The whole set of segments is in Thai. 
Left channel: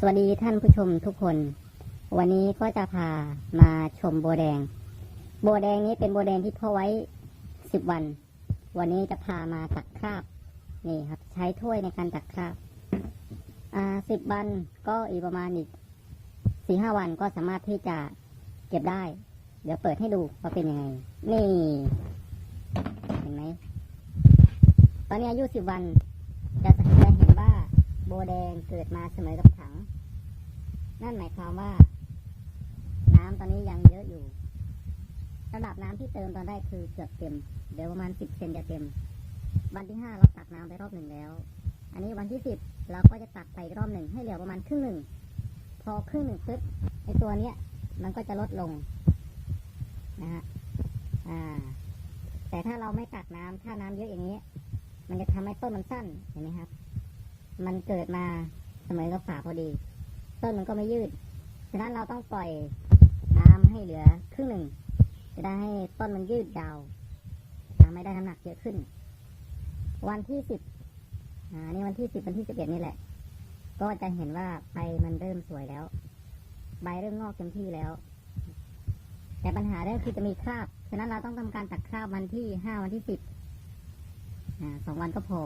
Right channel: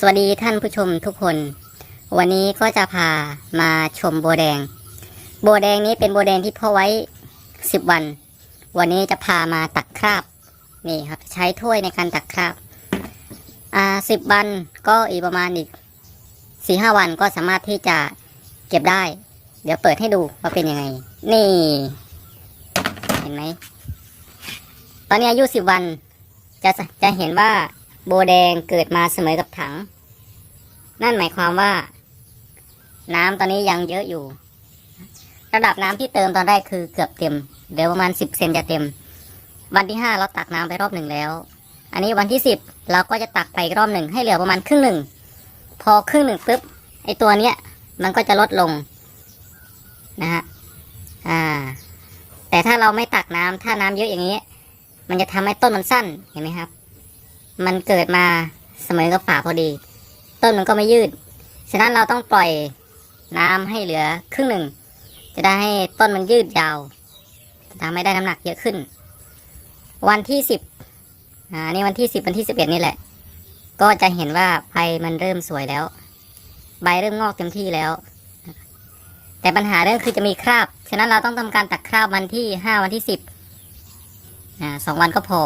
สวัสดีท่านผู้ชมทุกคน วันนี้ก็จะพามาชมโบแดง โบแดงนี้เป็นโบแดงที่พาะไว้สิบวัน วันนี้จะพามาตักคราบนี่ครับ ใช้ถ้วยในการตักคราบอ่าสิบวันก็อีกประมาณอีกสี่ห้าวันก็สามารถที่จะเก็บได้ เดี๋ยวเปิดให้ดูว่าเป็นยังไง นี่ เห็นไหมตอนนี้อายุสิบวันจะจะเห็นว่า โบแดงเกิดมาเสมอกับถัง นั่นหมายความว่า น้ำตอนนี้ยังเยอะอยู่ ระดับน้ำที่เติมตอนแรกคือเกือบเต็มเดี๋ยวประมาณสิบเซนจะเต็ม วันที่ห้าเราตักน้ำไปรอบหนึ่งแล้ว อันนี้วันที่สิบเราก็จะตักไปรอบหนึ่งให้เหลือประมาณครึ่งหนึ่ง พอครึ่งหนึ่งปุ๊บไอตัวเนี้ยมันก็จะลดลงนะฮะอ่า แต่ถ้าเราไม่ตักน้ำถ้าน้ำเยอะอย่างนี้ มันจะทำให้ต้นมันสั้นเห็นไหมครับ มันเกิดมาเสมอกับฝาพอดี ต้นมันก็ไม่ยืด ฉะนั้นเราต้องปล่อยน้ำให้เหลือครึ่งหนึ่ง จะได้ให้ต้นมันยืดยาวทำให้ได้น้ำหนักเยอะขึ้น วันที่สิบอ่านี่วันที่สิบวันที่สิบเอ็ดนี่แหละ ก็จะเห็นว่าใบมันเริ่มสวยแล้ว ใบเริ่มงอกเต็มที่แล้ว แต่ปัญหาเรื่องคือจะมีคราบ ฉะนั้นเราต้องทำการตัดคราบวันที่ห้าวันที่สิบอ่าสองวันก็พอ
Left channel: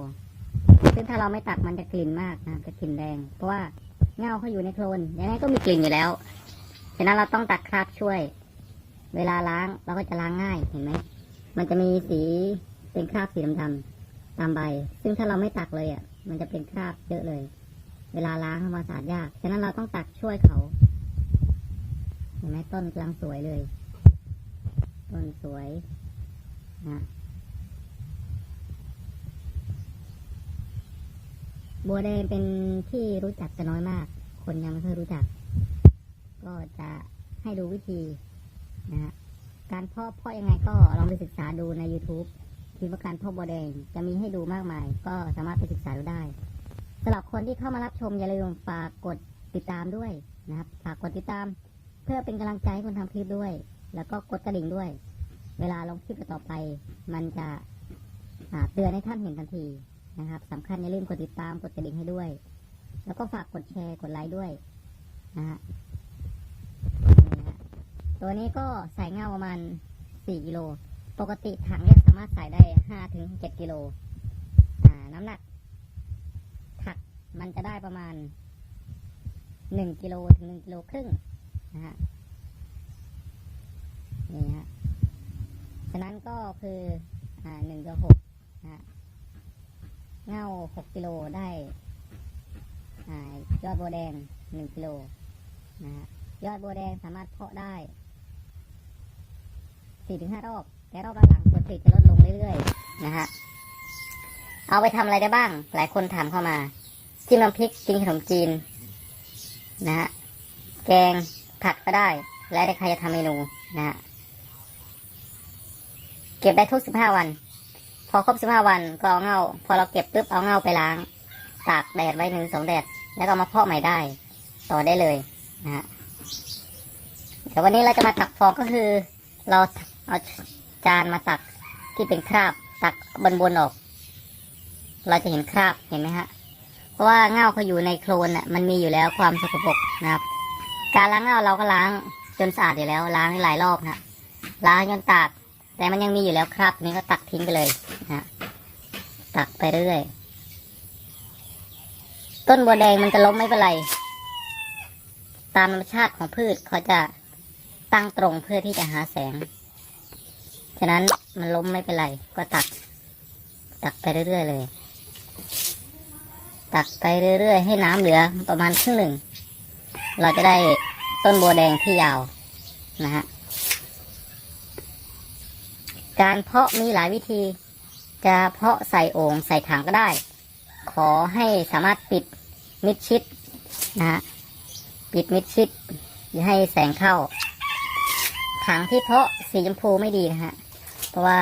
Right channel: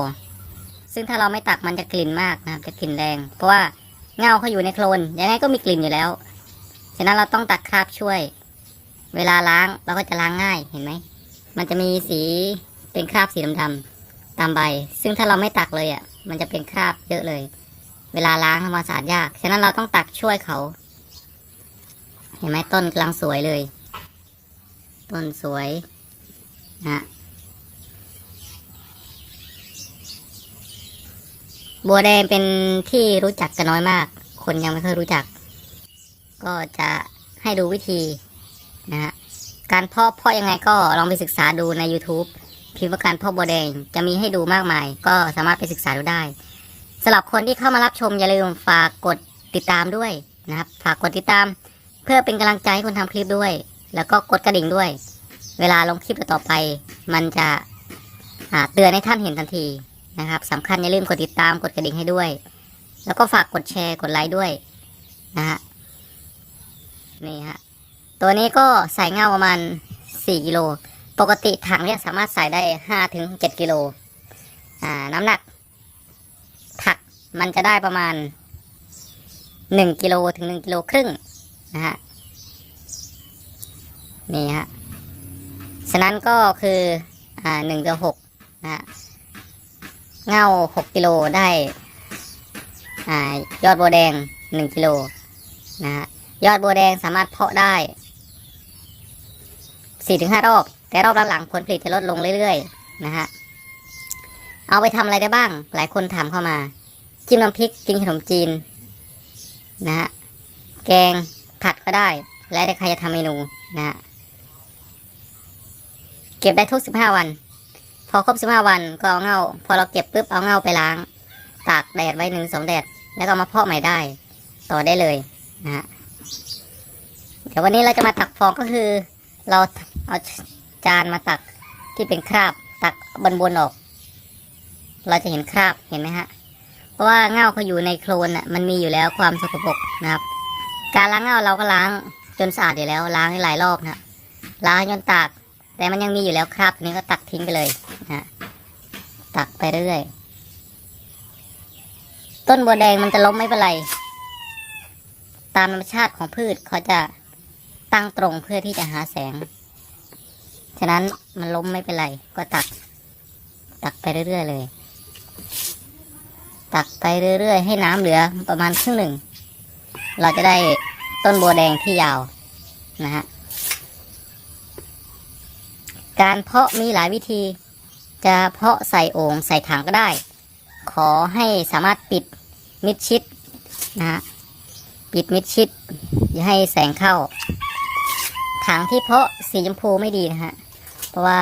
ซึ่งถ้าเราไม่ตักมันจะกลิ่นมากนะครับจะกลิ่นแรง เพราะว่าเงาเขาอยู่ในโคลนยังไงก็มีกลิ่นอยู่แล้ว ฉะนั้นเราต้องตักคราบช่วย เวลาล้างเราก็จะล้างง่ายเห็นไหม มันจะมีสีเป็นคราบสีดำๆตามใบ ซึ่งถ้าเราไม่ตักเลยอะ มันจะเป็นคราบเยอะเลย เวลาล้างทำความสะอาดยาก ฉะนั้นเราต้องตักช่วยเขา เห็นไหมต้นกำลังสวยเลย ต้นสวยนะ บัวแดงเป็นที่รู้จักกันน้อยมาก คนยังไม่เคยรู้จัก ก็จะให้ดูวิธีนะฮะการเพาะเพาะยังไงก็ลองไปศึกษาดูใน YouTube พิมพ์ว่าการเพาะบัวแดงจะมีให้ดูมากมาย ก็สามารถไปศึกษาดูได้สำหรับคนที่เข้ามารับชมอย่าลืมฝากกดติดตามด้วยนะครับ ฝากกดติดตาม เพื่อเป็นกำลังใจให้คนทำคลิปด้วย แล้วก็กดกระดิ่งด้วย เวลาลงคลิปต่อไป มันจะเตือนให้ท่านเห็นทันที นะครับสำคัญอย่าลืมกดติดตามกดกระดิ่งให้ด้วย แล้วก็ฝากกดแชร์กดไลค์ด้วยนะฮะนี่ฮะตัวนี้ก็ใส่เงาประมาณ 4กิโลปกติถังเนี่ยสามารถใส่ได้5ถึง7กิโลอ่าน้ำหนัก ถักมันจะได้ประมาณ 1กิโลถึง1กิโลครึ่งนะฮะนี่ฮะฉะนั้นก็คืออ่า1ต่อ6นะฮะ เงา6กิโลได้อยอดบัวแดง 1กิโลนะฮะยอดบัวแดงสามารถเพาะได้ 4-5 รอบ แต่รอบหลังๆผลผลิตจะลดลงเรื่อยๆนะฮะเอาไปทำอะไรได้บ้าง หลายคนถามเข้ามา จิ้มน้ำพริกกินขนมจีนนะฮะแกงผัดก็ได้ แล้วแต่ใครจะทำเมนูนะฮะเก็บได้ทุก 15 วัน พอครบสิบห้าวันก็เอาเงาพอเราเก็บปุ๊บเอาเงาไปล้าง ตากแดดไว้หนึ่งสองแดด แล้วก็มาเพาะใหม่ได้ ต่อได้เลยนะฮะเดี๋ยววันนี้เราจะมาตักฟองก็คือ เราเอาจานมาตักที่เป็นคราบตักบนบนออก เราจะเห็นคราบเห็นไหมฮะ เพราะว่าเงาเขาอยู่ในโคลนอะมันมีอยู่แล้วความสกปรกนะครับ การล้างเงาเราก็ล้างจนสะอาดอยู่แล้วล้างให้หลายรอบนะล้างจนตาก แต่มันยังมีอยู่แล้วครับนี่ก็ตักทิ้งไปเลยนะฮะตักไปเรื่อยต้นบัวแดงมันจะล้มไม่เป็นไร ตามธรรมชาติของพืชเขาจะตั้งตรงเพื่อที่จะหาแสง ฉะนั้นมันล้มไม่เป็นไร ก็ตัก ตักไปเรื่อยๆเลย ตักไปเรื่อยๆ ให้น้ำเหลือประมาณครึ่งหนึ่ง เราจะได้ต้นบัวแดงที่ยาวนะฮะ การเพาะมีหลายวิธี จะเพาะใส่โอ่งใส่ถังก็ได้ ขอให้สามารถปิดมิดชิดนะฮะปิดมิดชิด อย่าให้แสงเข้า ถังที่เพาะสีชมพูไม่ดีนะฮะเพราะว่า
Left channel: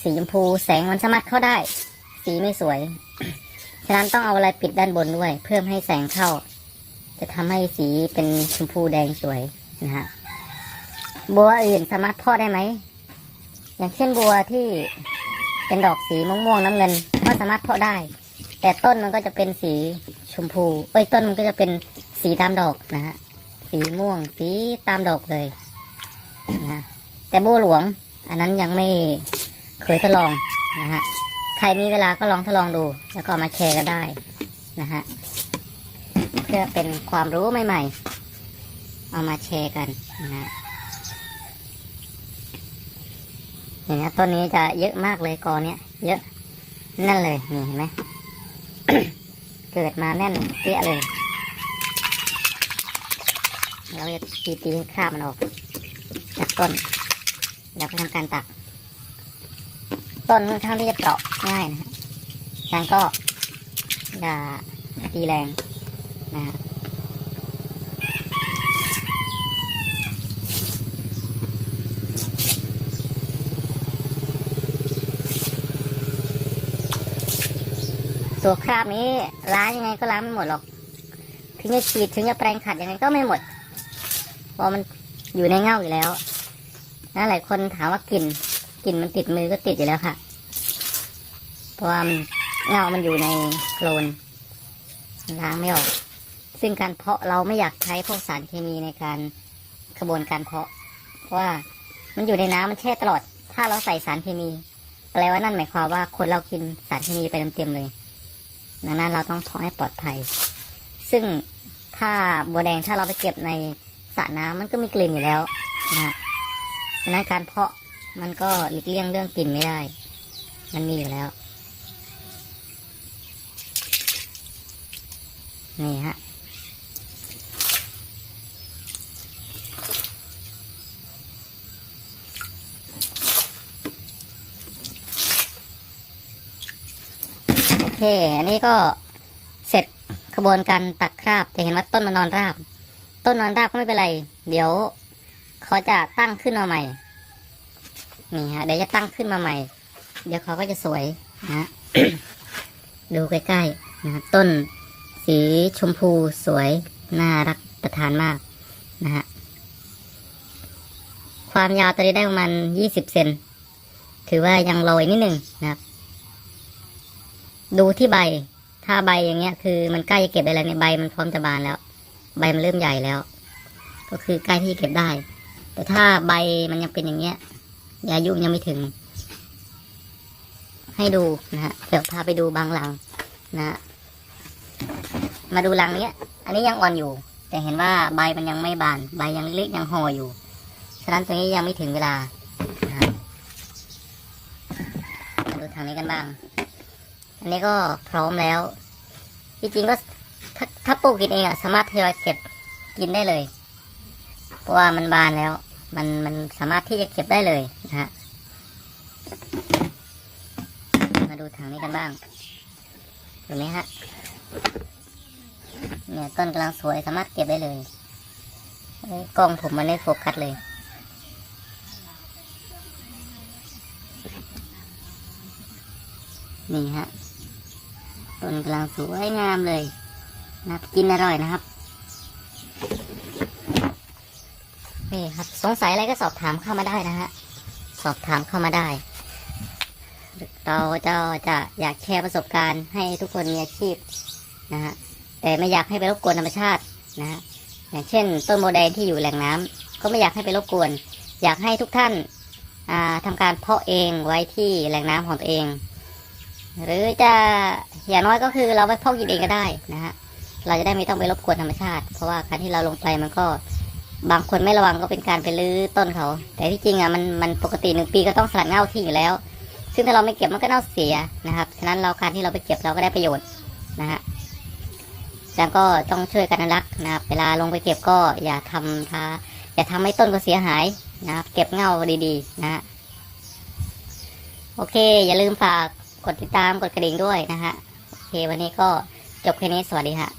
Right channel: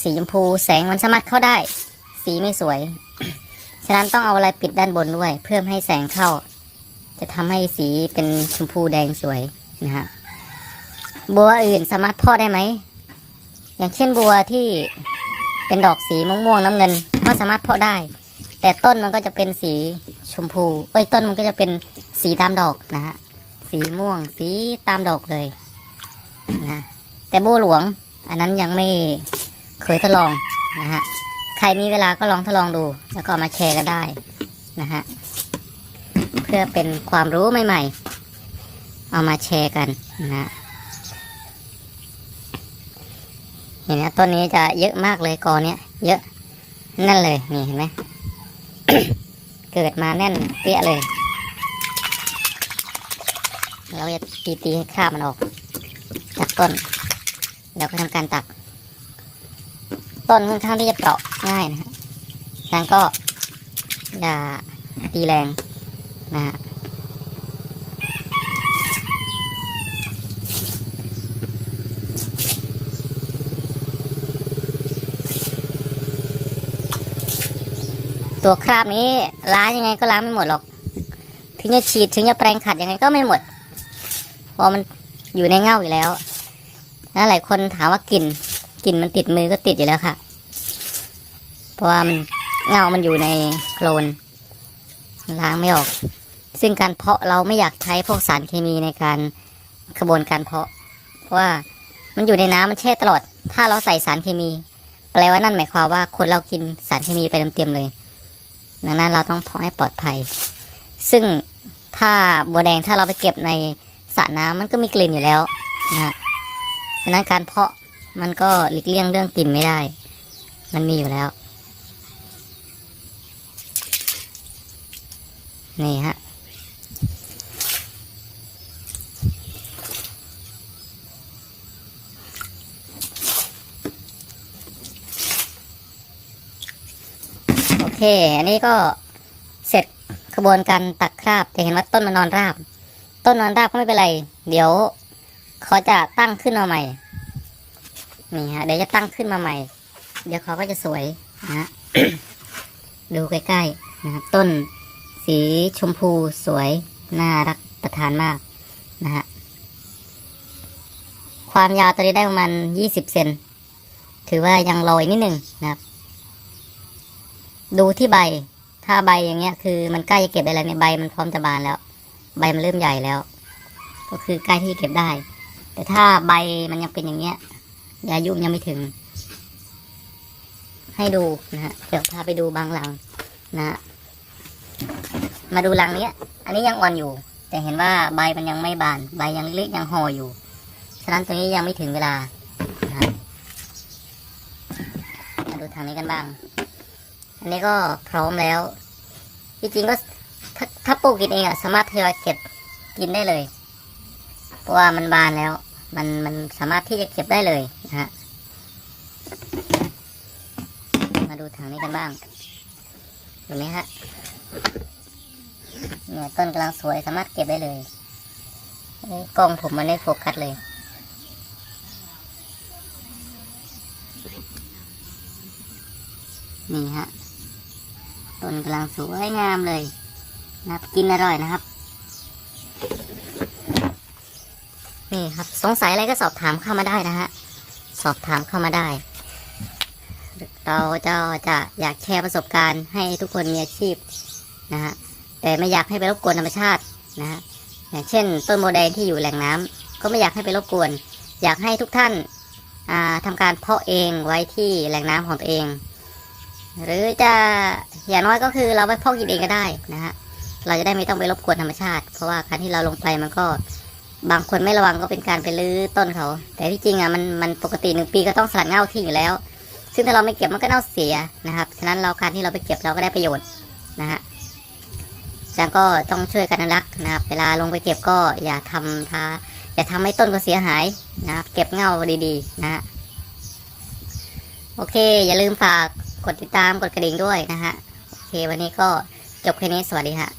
สีชมพูแสงมันสามารถเข้าได้ สีไม่สวย ฉะนั้นต้องเอาอะไรปิดด้านบนด้วย เพื่อไม่ให้แสงเข้า จะทำให้สีเป็นชมพูแดงสวยนะฮะบัวอื่นสามารถเพาะได้ไหม อย่างเช่นบัวที่เป็นดอกสีม่วงๆน้ำเงิน ก็สามารถเพาะได้ แต่ต้นมันก็จะเป็นสีชมพูเอ้ยต้นมันก็จะเป็นสีตามดอกนะฮะสีม่วงสีตามดอกเลยนะแต่โบหลวง อันนั้นยังไม่เคยทดลองนะฮะใครมีเวลาก็ลองทดลองดู แล้วก็มาแชร์กันได้นะฮะเพื่อเป็นความรู้ใหม่ ๆ เอามาแชร์กันนะฮะ เห็นไหมต้นนี้จะเยอะมากเลยกอเนี้ยเยอะนั่นเลยนี่เห็นไหมเกิดมาแน่นเปี้ยเลย เราจะตีตีให้คราบมันออกจากต้นแล้วก็ทำการตัก ต้นค่อนข้างที่จะเปราะง่ายนะฮะดังนั้นก็อย่าตีแรงนะฮะ ตัวคราบนี้ล้างยังไงก็ล้างไม่หมดหรอก ถึงจะฉีดถึงจะแปรงขัดยังไงก็ไม่หมดเพราะมันอยู่ในเง่าอยู่แล้วนะหลายคนถามว่ากลิ่นกลิ่นมันติดมือก็ติดอยู่แล้วค่ะ เพราะว่ามันเงามันอยู่ในโคลนล้างไม่ออก ซึ่งการเพาะเราไม่อยากใช้พวกสารเคมีในการกระบวนการเพาะ เพราะว่ามันอยู่ในน้ำมันแช่ตลอด ถ้าเราใส่สารเคมี แปลว่านั่นหมายความว่าคนเรากินสารเคมีไปเต็มๆเลย ดังนั้นเราต้องเพาะให้ปลอดภัย ซึ่งถ้าบัวแดงถ้าเราไปเก็บในสระน้ำมันก็มีกลิ่นอยู่แล้วนะฮะดังนั้นการเพาะมันก็หลีกเลี่ยงเรื่องกลิ่นไม่ได้ มันมีอยู่แล้ว นี่ฮะ เค อันนี้ก็เสร็จกระบวนการตักคราบจะเห็นว่าต้นมันนอนราบ ต้นนอนราบก็ไม่เป็นไร เดี๋ยวเขาจะตั้งขึ้นมาใหม่ นี่ฮะ เดี๋ยวจะตั้งขึ้นมาใหม่ เดี๋ยวเขาก็จะสวยนะฮะดูใกล้ๆนะฮะต้นสีชมพูสวย น่ารักประทานมากนะฮะ ความยาวตัวนี้ได้ประมาณยี่สิบเซน ถือว่ายังลอยนิดหนึ่งนะครับ ดูที่ใบ ถ้าใบอย่างเงี้ย คือมันใกล้จะเก็บได้แล้วเนี่ยใบมันพร้อมจะบานแล้ว ใบมันเริ่มใหญ่แล้ว ก็คือใกล้ที่เก็บได้ แต่ถ้าใบมันยังเป็นอย่างเงี้ยอายุยังไม่ถึง ให้ดูนะฮะเดี๋ยวพาไปดูบางหลังนะฮะมาดูหลังเนี้ย อันนี้ยังอ่อนอยู่ แต่เห็นว่าใบมันยังไม่บาน ใบยังเล็กยังห่ออยู่ ฉะนั้นตัวนี้ยังไม่ถึงเวลานะะมาดูทางนี้กันบ้าง อันนี้ก็พร้อมแล้วจริงๆก็ถ้าถ้าปลูกกินเองอะสามารถทยอยเก็บกินได้เลย เพราะว่ามันบานแล้ว มันมันสามารถที่จะเก็บได้เลยนะฮะมาดูทางนี้กันบ้างเห็นไหมฮะเนี่ยต้นกำลังสวยสามารถเก็บได้เลยเอ้ยกล้องผมมันไม่โฟกัสเลยนี่ฮะ ต้นกำลังสวยงามเลยนะครับกินอร่อยนะครับ นี่ครับสงสัยอะไรก็สอบถามเข้ามาได้นะฮะสอบถามเข้ามาได้ เราจะจะอยากแชร์ประสบการณ์ให้ทุกคนมีอาชีพนะฮะแต่ไม่อยากให้ไปรบกวนธรรมชาตินะฮะอย่างเช่น ต้นโมเดลที่อยู่แหล่งน้ำก็ไม่อยากให้ไปรบกวน อยากให้ทุกท่านอ่าทำการเพาะเองไว้ที่แหล่งน้ำของตัวเอง หรือจะอย่างน้อยก็คือเราไปพาะกินเองก็ได้นะฮะเราจะได้ไม่ต้องไปรบกวนธรรมชาติ เพราะว่าการที่เราลงไปมันก็บางคนไม่ระวังก็เป็นการไปรื้อต้นเขา แต่ที่จริงอะมันมันปกติหนึ่งปีก็ต้องสลัดเง่าทิ้งอยู่แล้ว ซึ่งถ้าเราไม่เก็บมันก็เน่าเสียนะครับฉะนั้นเราการที่เราไปเก็บเราก็ได้ประโยชน์นะฮะฉะนั้นก็ต้องช่วยกันรักนะครับ เวลาลงไปเก็บก็อย่าทำท้าอย่าทำให้ต้นก็เสียหายนะครับ เก็บเง่าดีๆนะฮะโอเค อย่าลืมฝาก กดติดตามกดกระดิ่งด้วยนะฮะโอเควันนี้ก็จบแค่นี้สวัสดีฮะ